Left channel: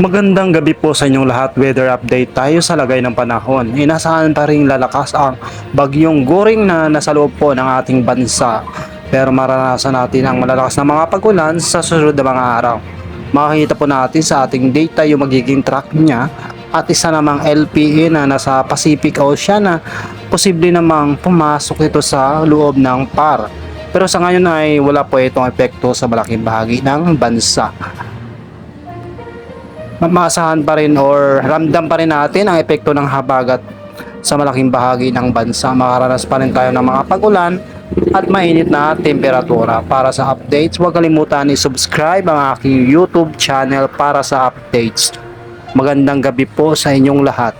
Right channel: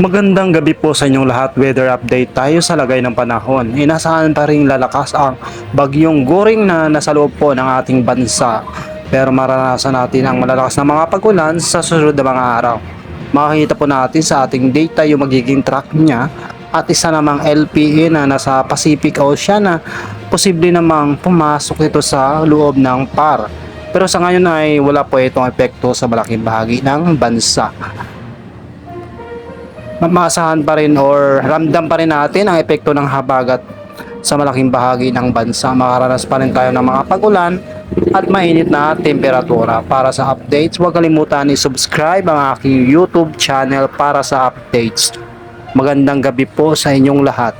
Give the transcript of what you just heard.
Magandang gabi po sa inyong lahat. Weather update tayo sa lagay ng panahon. Inasahan pa rin lalakas ang bagyong Goring na nasa loob po ng ating bansa. Pero maranasan natin ang malalakas na mga pag-ulan sa susunod na mga araw. Makikita po natin sa ating data yung magiging track niya at isa namang LPA na nasa Pacific Ocean na posible namang pumasok ito sa loob ng PAR. Pero sa ngayon ay wala po itong epekto sa malaking bahagi ng bansa. Maasahan pa rin or ramdam pa rin natin ang epekto ng habagat sa malaking bahagi ng bansa. Makaranas pa rin tayo ng mga pag-ulan at mainit na temperatura. Para sa updates, huwag kalimutan i-subscribe ang aking YouTube channel para sa updates. Magandang gabi po sa inyong lahat.